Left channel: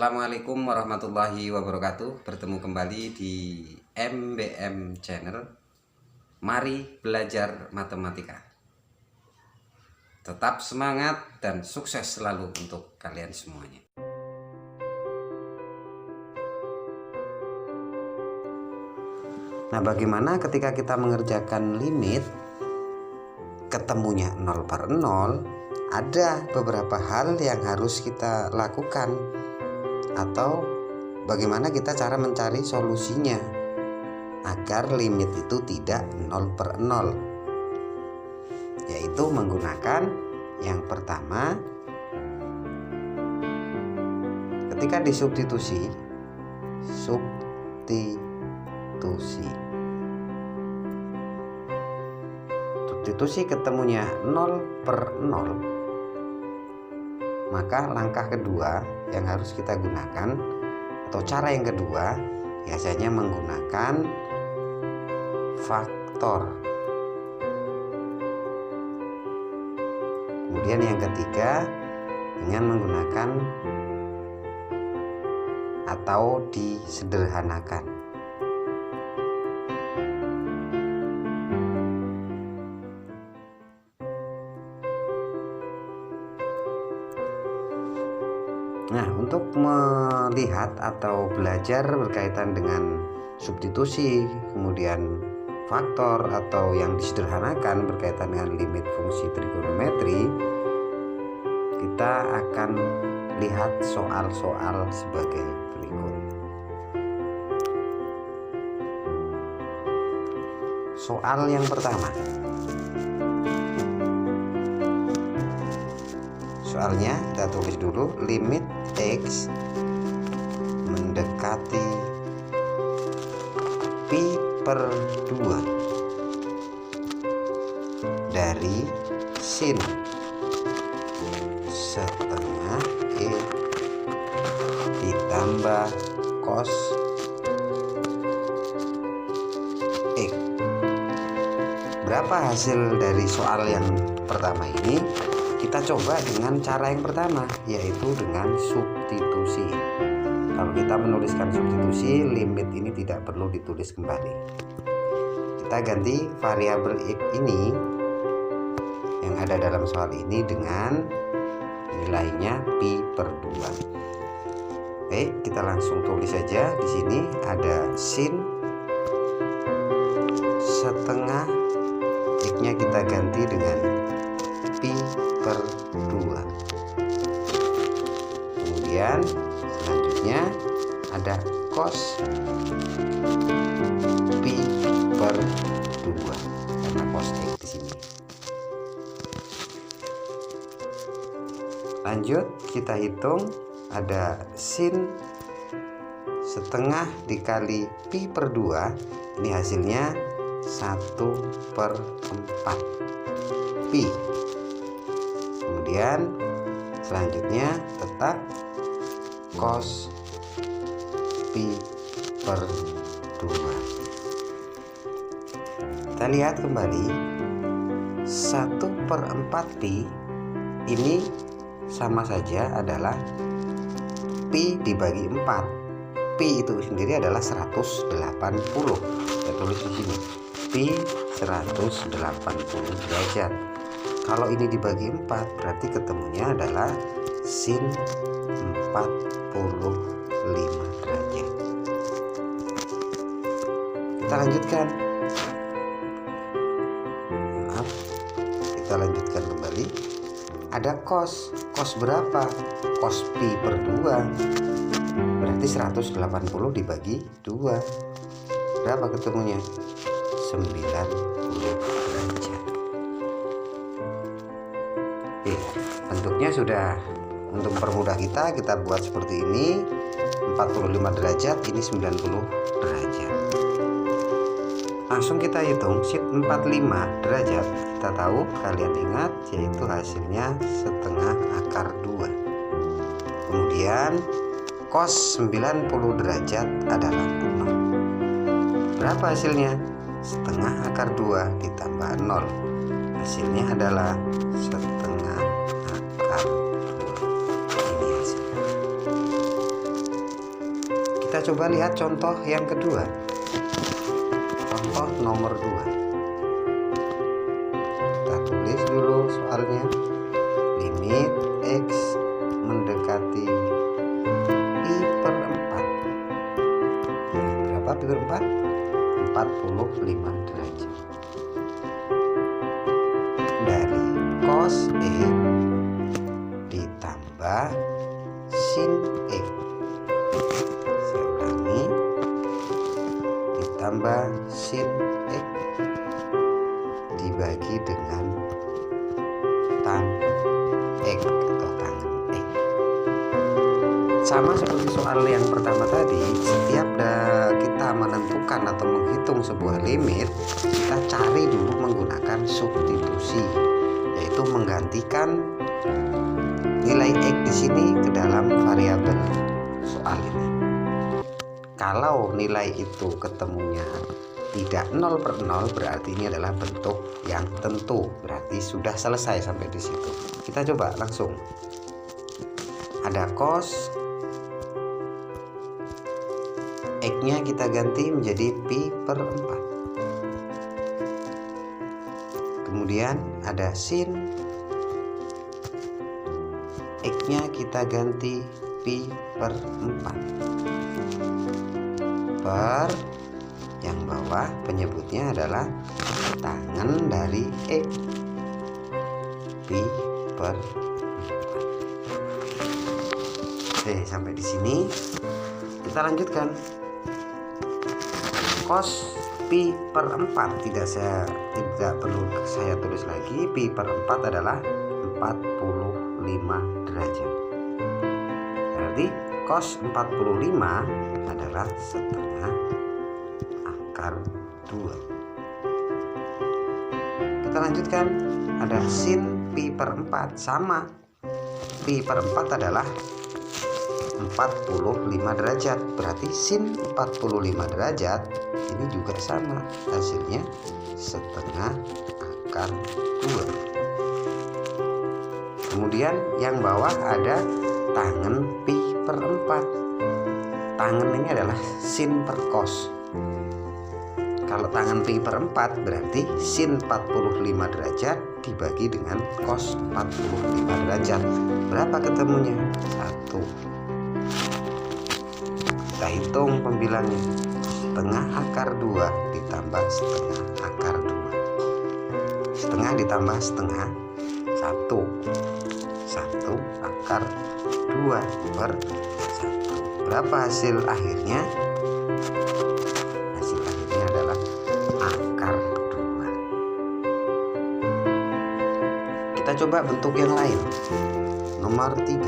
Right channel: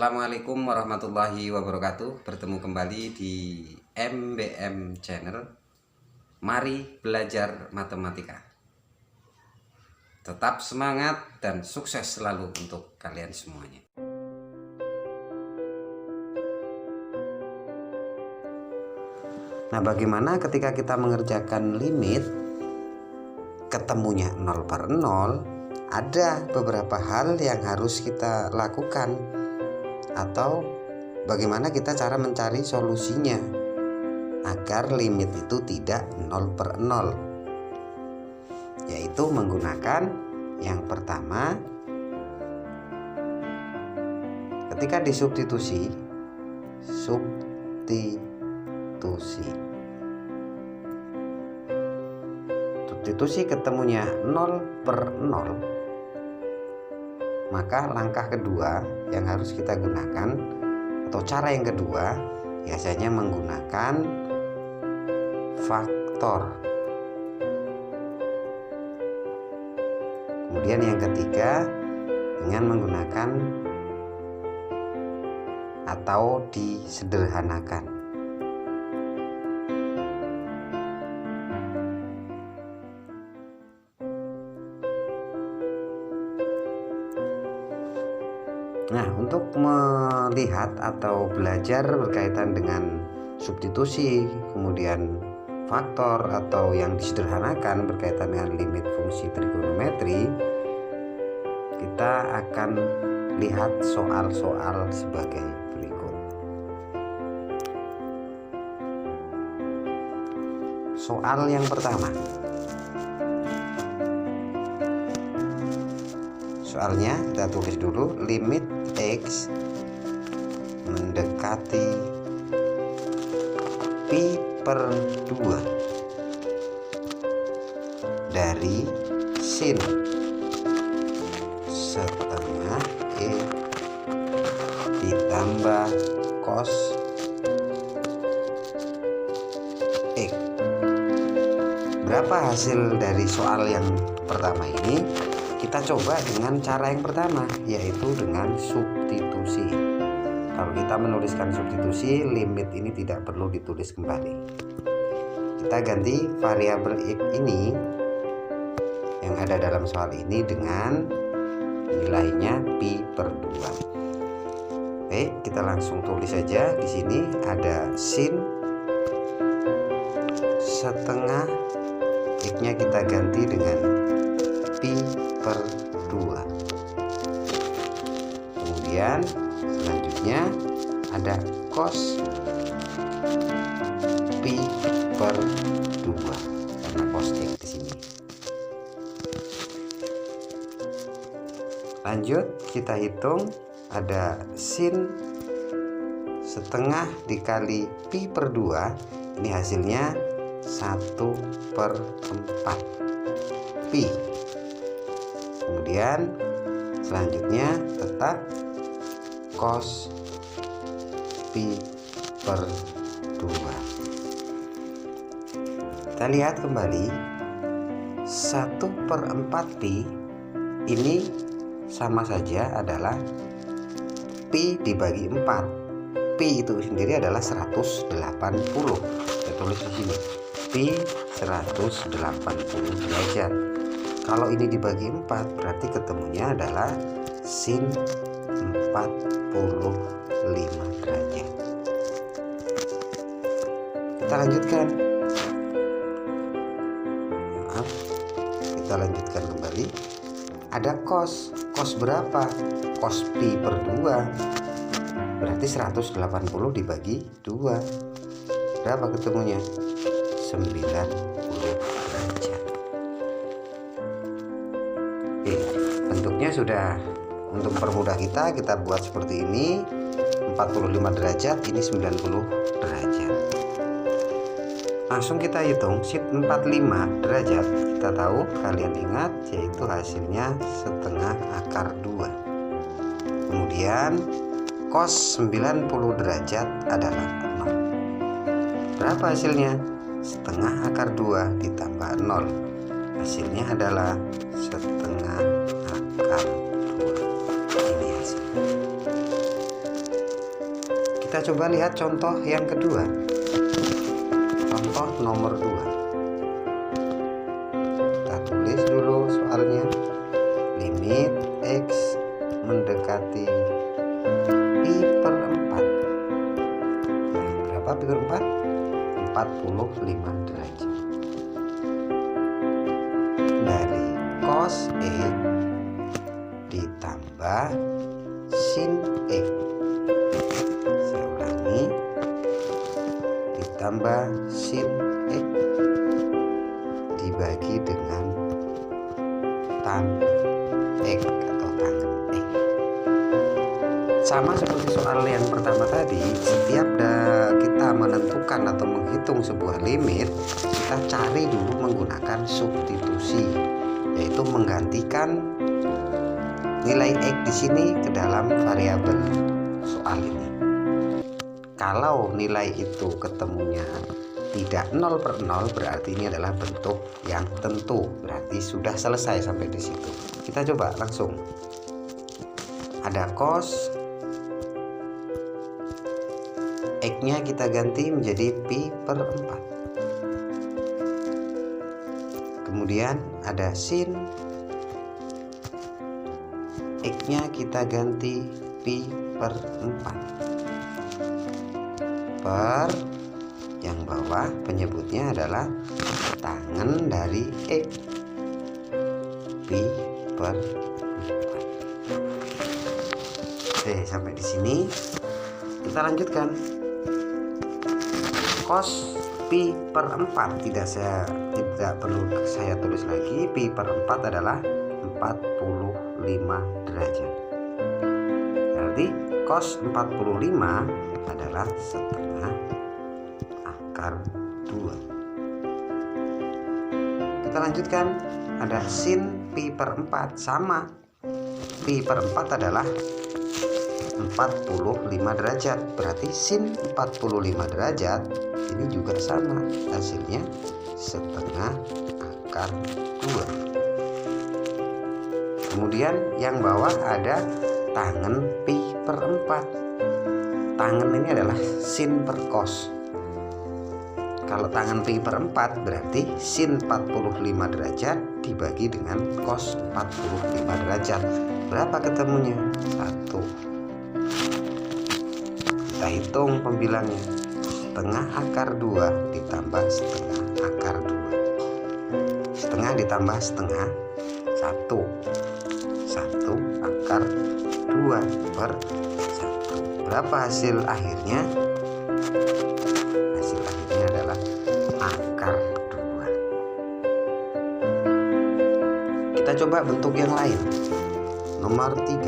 Assalamualaikum warahmatullahi wabarakatuh. Bertemu kembali di MBM Channel. Mari belajar matematika. Tetap semangat dan sukses selalu untuk kalian semuanya. Nah, bagaimana ketika kita mengerjakan limit ketemunya 0/0? Ada beberapa hal yang harus kita lakukan, atau bagaimana kita cara mencari solusinya agar limit itu tidak 0/0, yaitu menggunakan yang pertama, ketika disubstitusi substitusi ketemunya 0/0, maka langkah kedua yang harus kita gunakan atau cara yang kedua biasanya menggunakan faktor. Kemudian yang ketiga dengan menggunakan atau disederhanakan. Nah, untuk melihat atau belajar berkaitan dengan substitusi, kemudian faktor atau yang disederhanakan berkaitan dengan limit fungsi trigonometri, kita akan lihat soal-soal sebagai berikut. Soal yang pertama. Soalnya kita tulis dulu, limit X mendekati pi per 2 dari sin setengah E ditambah cos X. Berapa hasil dari soal yang pertama ini? Kita coba dengan cara yang pertama, yaitu dengan substitusi. Kalau kita menuliskan substitusi, limit ini tidak perlu ditulis kembali. Kita ganti variabel X ini yang ada dalam soal ini dengan nilainya pi per 2. Oke, kita langsung tulis saja. Di sini ada sin setengah X-nya kita ganti dengan pi per 2. Kemudian selanjutnya ada cos pi per 2 karena cos X di sini. Lanjut kita hitung, ada sin setengah dikali pi per 2, ini hasilnya 1/4 pi. Kemudian selanjutnya tetap cos pi per 2. Kita lihat kembali, 1/4 pi ini sama saja adalah pi dibagi 4. Pi itu sendiri adalah 180. Saya tulis di sini, pi 180 derajat. Kalau ini dibagi 4 berarti ketemunya adalah sin 45 derajat. Kita lanjutkan. Maaf, kita lanjutkan kembali. Ada cos. Cos berapa? Cos pi per 2. Berarti 180 dibagi 2. Berapa ketemunya? 90 derajat. Oke, bentuknya sudah. Untuk mempermudah kita buat seperti ini. 45 derajat, ini 90 derajat. Langsung kita hitung, sin 45 derajat. Kita tahu, kalian ingat, yaitu hasilnya setengah akar 2. Kemudian cos 90 derajat adalah 0. Berapa hasilnya? Setengah akar 2 ditambah 0. Hasilnya adalah setengah akar 2. Ini hasilnya. Kita coba lihat contoh yang kedua. Contoh nomor 2. Kita tulis dulu soalnya. Limit X mendekati pi per 4. Nah, berapa pi per 4? 45 derajat. Dari cos X ditambah sin X. Saya ulangi. Ditambah sin X dibagi dengan tan X atau tangen X. Sama seperti soal yang pertama tadi, setiap kita menentukan atau menghitung sebuah limit, kita cari dulu menggunakan substitusi, yaitu menggantikan nilai X di sini ke dalam variabel soal ini. Kalau nilai itu ketemunya tidak 0 per 0, berarti ini adalah bentuk yang tentu, berarti sudah selesai sampai di situ. Kita coba langsung. Ada cos X-nya kita ganti menjadi pi per 4. Kemudian ada sin X-nya kita ganti pi per 4 per yang bawah penyebutnya adalah tangen dari X, pi per 4. Oke, sampai di sini kita lanjutkan. Cos pi per 4 tidak perlu saya tulis lagi. Pi per 4 adalah 45 derajat. Berarti cos 45 adalah setengah akar 2. Kita lanjutkan. Ada sin pi per 4, sama. Pi per 4 adalah 45 derajat. Berarti sin 45 derajat ini juga sama, hasilnya setengah akar 2. Kemudian yang bawah ada tangen pi per 4. Tangen ini adalah sin per cos. Kalau tangen pi per 4 berarti sin 45 derajat dibagi dengan cos 45 derajat. Berapa ketemunya? 1. Kita hitung pembilangnya. Setengah akar 2 ditambah setengah akar 2. Setengah ditambah setengah 1. 1 akar 2 per 1. Berapa hasil akhirnya? Hasil akhirnya adalah akar 2. Kita coba bentuk yang lain. Nomor 3.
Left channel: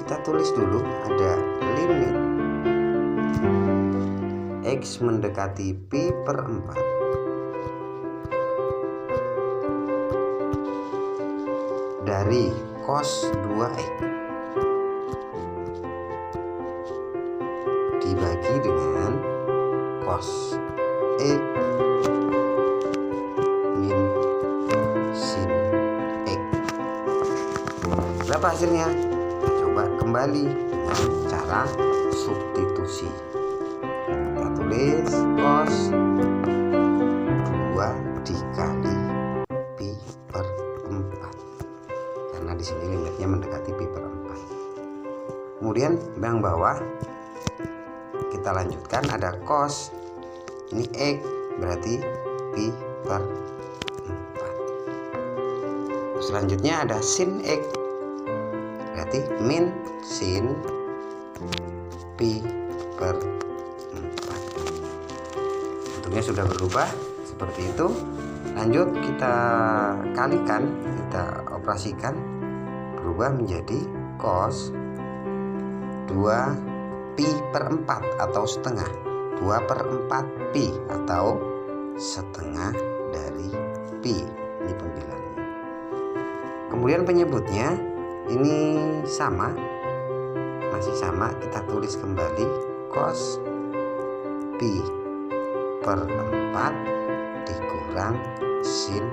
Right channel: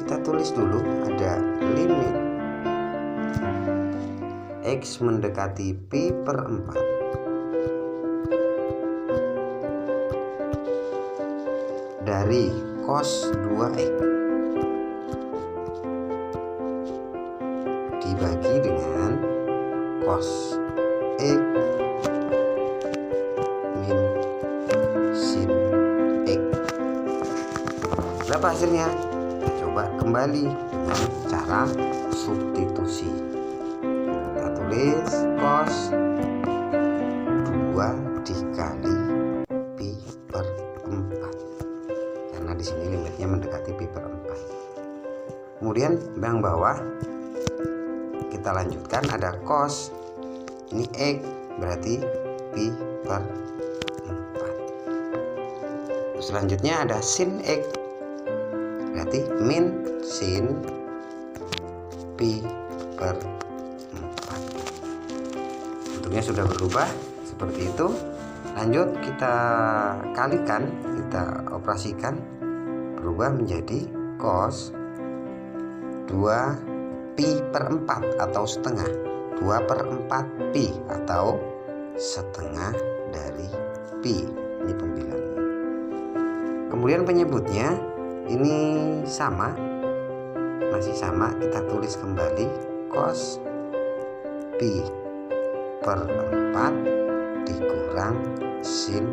Kita tulis dulu, ada limit X mendekati pi per 4 dari cos 2X dibagi dengan cos X min sin X. Berapa hasilnya? Kita coba kembali dengan cara substitusi. Kita tulis cos 2 dikali pi per 4, karena di sini limitnya mendekati pi per 4. Kemudian yang bawah kita lanjutkan, ada cos ini X berarti pi per 4. Selanjutnya ada sin X berarti min sin pi per 4. Bentuknya sudah berubah seperti itu. Lanjut kita kalikan, kita operasikan, berubah menjadi cos 2 pi per 4 atau setengah. 2 per 4 pi atau setengah dari pi. Ini pembilangnya. Kemudian penyebutnya ini sama, masih sama, kita tulis kembali cos pi per 4 dikurang sin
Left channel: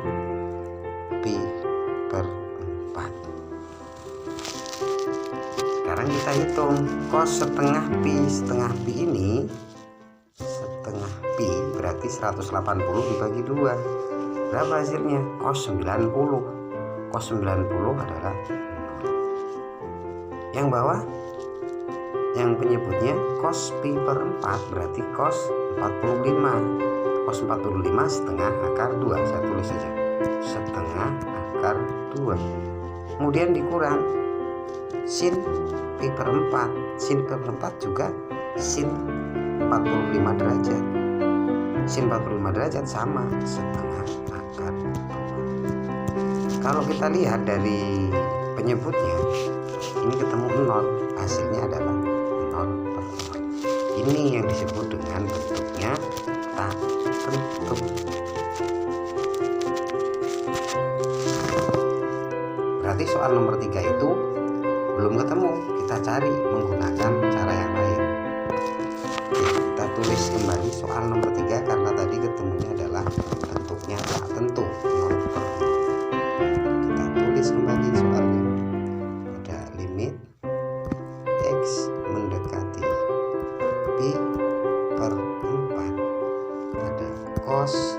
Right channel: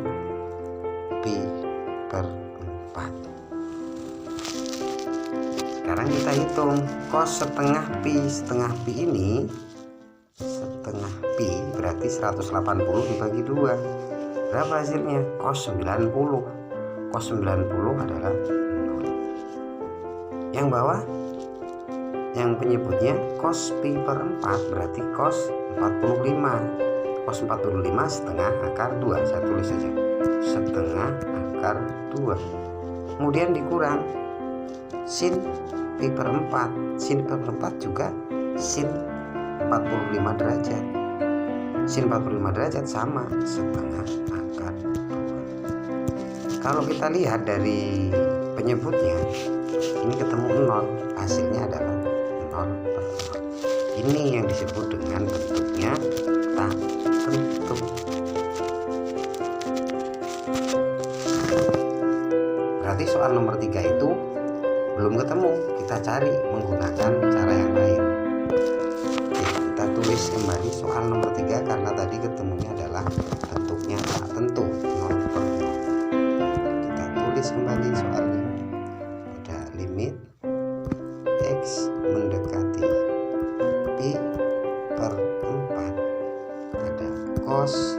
pi per 4. Sekarang kita hitung cos setengah pi. Setengah pi ini, setengah pi berarti 180 dibagi 2. Berapa hasilnya? Cos 90. Cos 90 adalah 0. Yang bawah, yang penyebutnya cos pi per 4 berarti cos 45. Cos 45 setengah akar 2. Saya tulis saja setengah akar 2. Kemudian dikurang sin pi per 4. Sin per 4 juga sin 45 derajat. Sin 45 derajat sama setengah akar 2. Kalau kita lihat dari penyebutnya, ini ketemu 0, hasilnya adalah 0 per 0. Ini yang disebut dengan bentuknya tak tentu. Berarti soal nomor 3 itu belum ketemu, kita cari menggunakan cara yang lain. Oke, kita tulis kembali soal nomor 3 karena tadi ketemunya adalah bentuknya tak tentu, 0 per 0. Kita tulis kembali soalnya. Ada limit x mendekati pi per 4, ada cos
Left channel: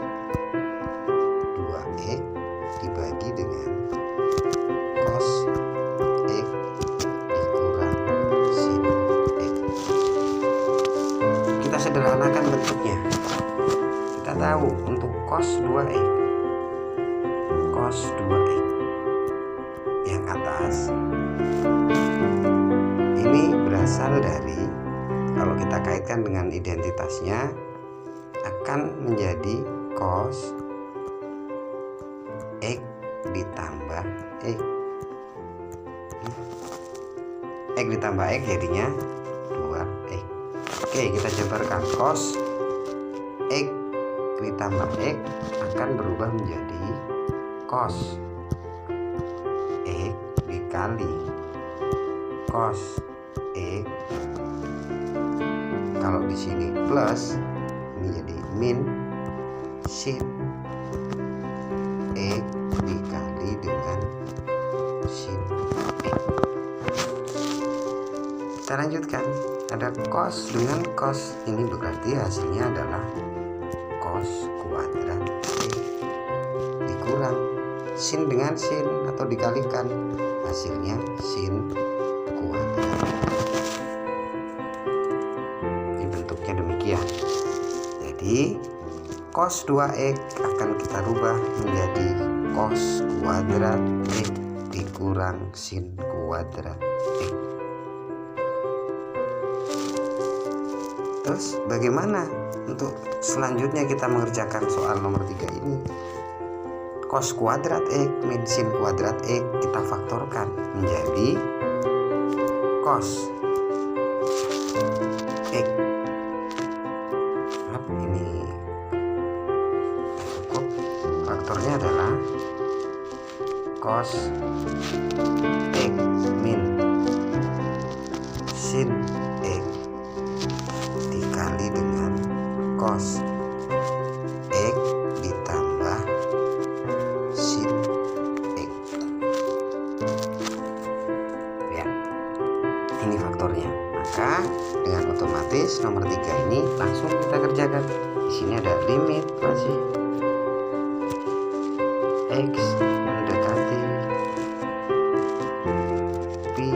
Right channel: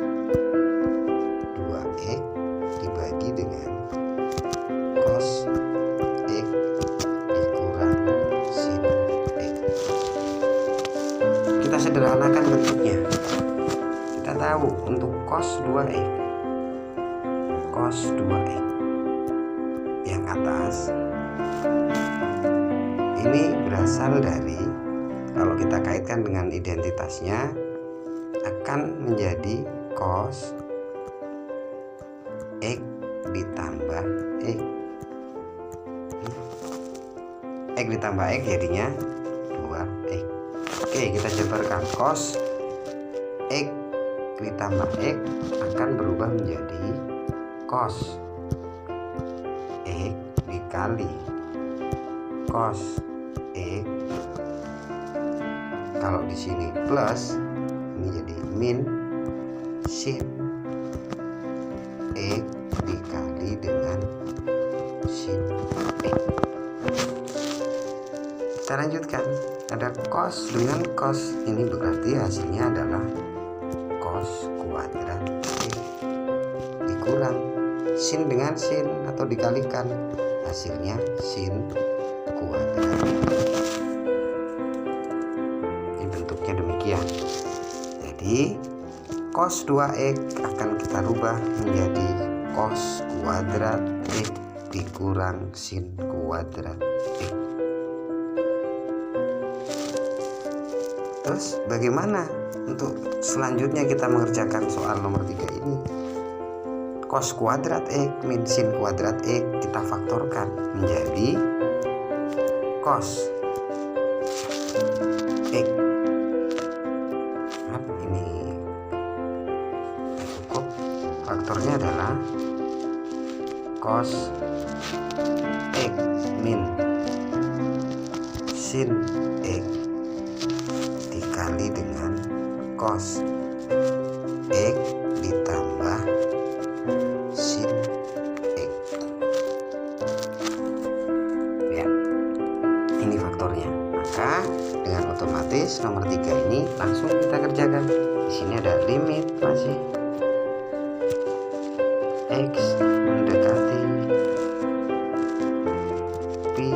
2x dibagi dengan cos x dikurang sin x. Kita sederhanakan bentuknya. Kita tahu untuk cos 2x, cos 2x yang atas ini berasal dari, kalau kita kaitkan dengan identitasnya, akan menjadi cos x ditambah x. X ditambah x jadinya 2x. Oke, kita jabarkan. Cos x ditambah x akan berubah menjadi cos x dikali cos x. Kalau di sini plus, ini jadi min sin x dikali dengan sin x. Kita lanjutkan, ada cos dengan cos, ini berarti hasilnya adalah cos kuadrat x dikurang sin dengan sin atau dikalikan, hasilnya sin kuadrat. Ini bentuknya demikian. Jadi cos 2x akan kita rubah menjadi cos kuadrat x dikurang sin kuadrat x. Terus bagaimana untuk selanjutnya kita mengerjakan soal nomor 3 ini? Cos kuadrat x min sin kuadrat x kita faktorkan menjadi cos x. Ini cukup, faktornya adalah cos x min sin x dikali dengan cos x ditambah sin x. Ya, ini faktornya. Maka dengan otomatis nomor 3 ini langsung kita kerjakan. Di sini ada limit masih x mendekati pi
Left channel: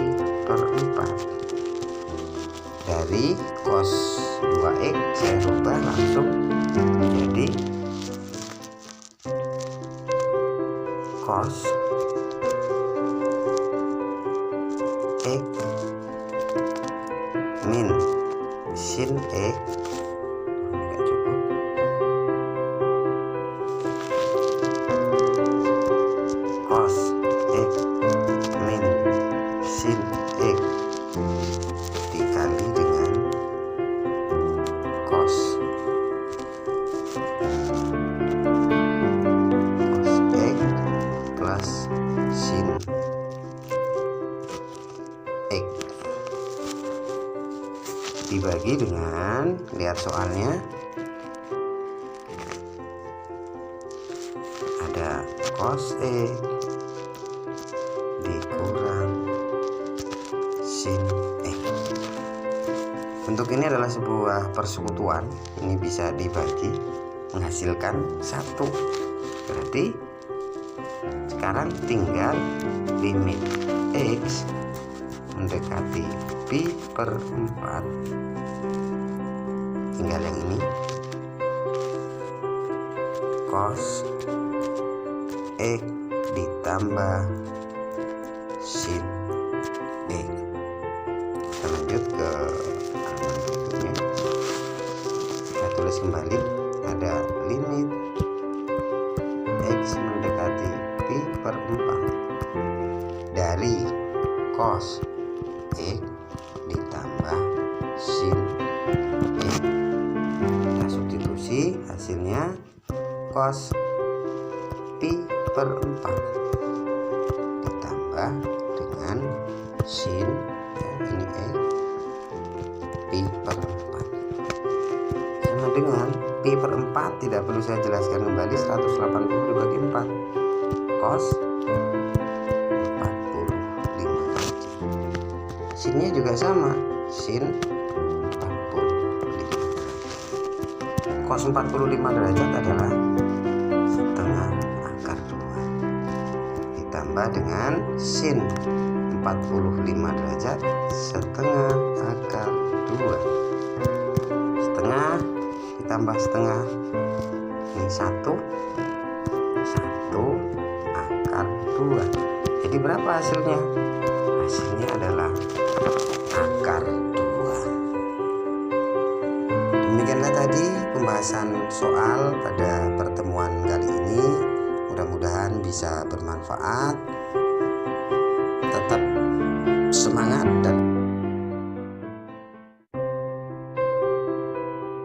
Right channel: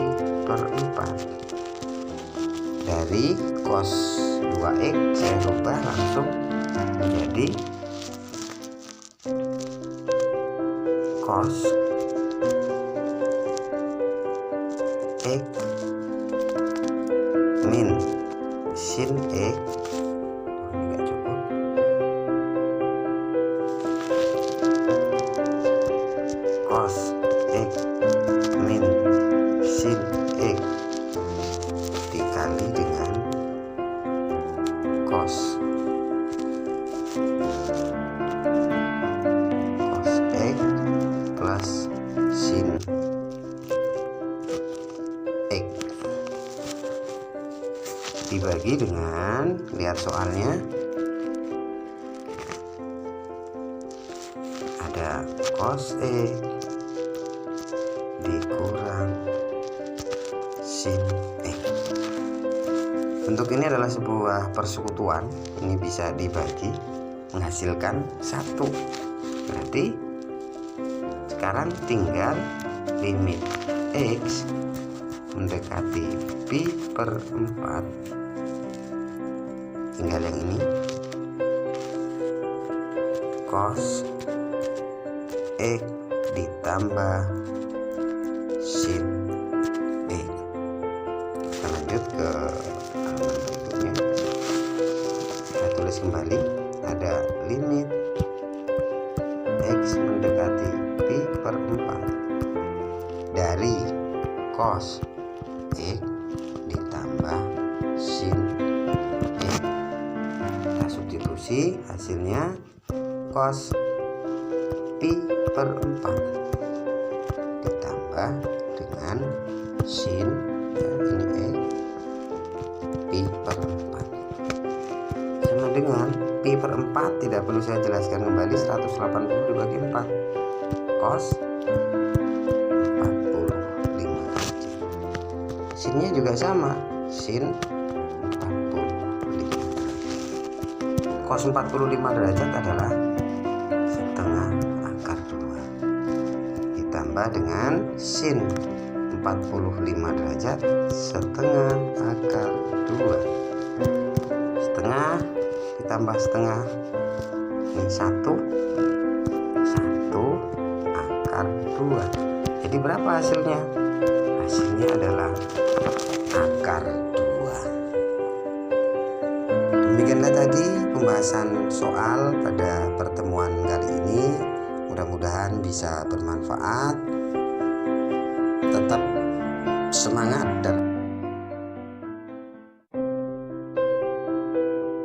per 4. Dari cos 2x saya rubah langsung menjadi cos x min sin x. Ini enggak cukup. Cos x min sin x dikali dengan cos x plus sin x dibagi dengan, lihat soalnya, ada cos x dikurang sin X. Bentuk ini adalah sebuah persekutuan, ini bisa dibagi menghasilkan 1. Berarti sekarang tinggal limit X mendekati pi per 4, tinggal yang ini, cos X ditambah sin X. Kita lanjut ke halaman berikutnya. Kita tulis kembali, ada limit X mendekati pi per 4 dari cos X ditambah sin X. Kita substitusi, hasilnya cos pi per 4 ditambah dengan sin, ya, ini X, pi per 4 sama dengan pi per 4, tidak perlu saya jelaskan kembali, 180 dibagi 4, cos 45 derajat. Sinnya juga sama, sin 45 derajat. Cos 45 derajat adalah setengah akar 2 ditambah dengan sin 45 derajat setengah akar 2. Setengah ditambah setengah, ini 1 akar 2. Jadi berapa hasilnya? Hasilnya adalah akar 2. Demikianlah tadi pembahasan soal pada pertemuan kali ini. Mudah-mudahan bisa bermanfaat. Tetap semangat dan